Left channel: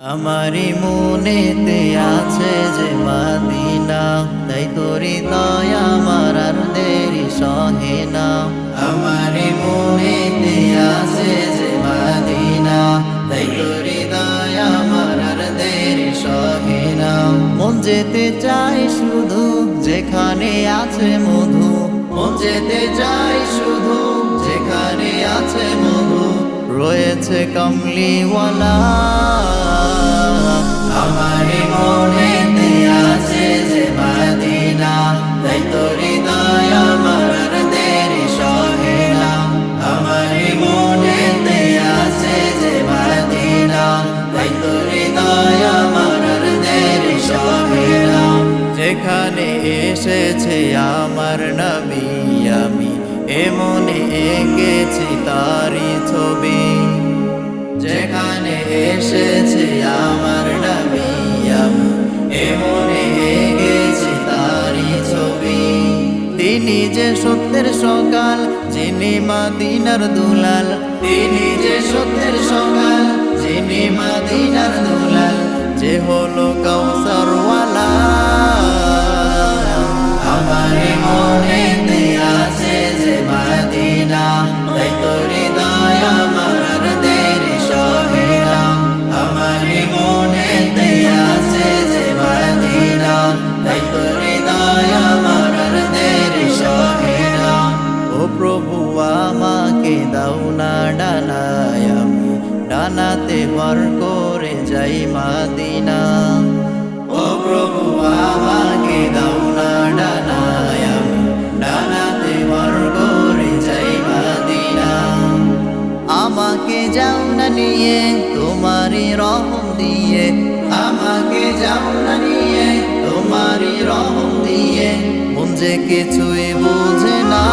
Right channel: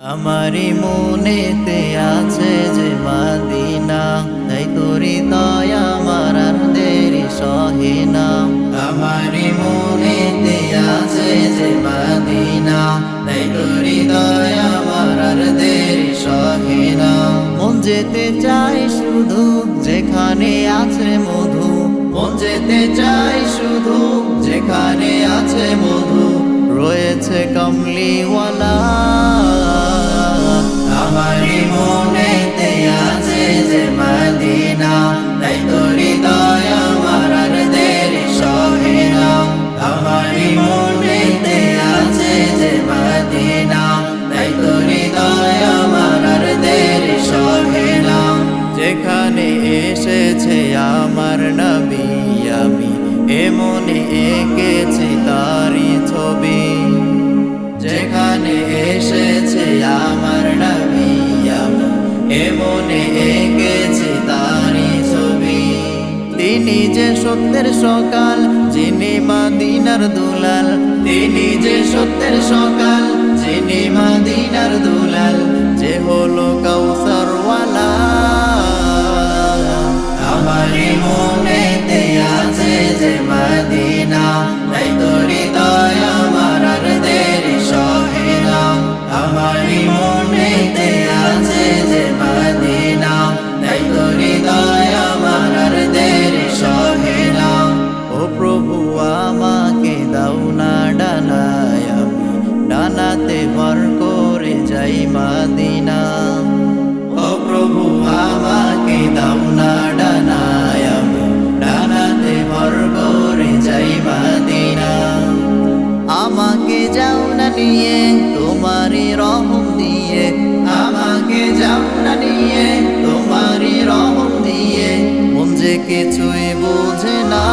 আমারি মনেতে আছে যে মাদিনা, তাই তোরি দয়া আমার আর দেরি সহে না। আমারি মনেতে আছে যে মাদিনা, তাই তোরি দয়া আমার আর দেরি সহে না। মন যেতে চাই শুধু যেখানে আছে মধু, মন যেতে চাই শুধু যেখানে আছে মধু। রয়েছে কমলিওয়ালা। আমার দেরি না। যেখানে এসেছে আমার নবী, আমি এমনে এঁকেছি তারি ছবি। যেখানে এসেছে আমার নবী, আমি এমনে এঁকেছি তারি ছবি। তিনি যে সত্যের সকাল, যিনি মাদিনার দুলাল। তিনি যে সত্যের সকাল, যিনি মাদিনার দুলাল। যে হলো কৌসরওয়ালা আমার মনে আছে যে মদিনা তাই তোরি দয়া আমার দেরি সহে না আমার মনে আছে যে মদিনা তাই তোরি দয়া আমার দেরি সহে না ও প্রভু আমাকে দাও না ডানায় আমি ডানাতে ভর করে যাই মাদিনা। ও প্রভু, আমাকে দাও না ডানায় ডানাতে ভর করে যাই মাদিনা। আমাকে যাও না নিয়ে, তোমারই রহম দিয়ে। আমাকে যাও না নিয়ে, তোমারই রহম দিয়ে। মন যে কিছুই বোঝে না।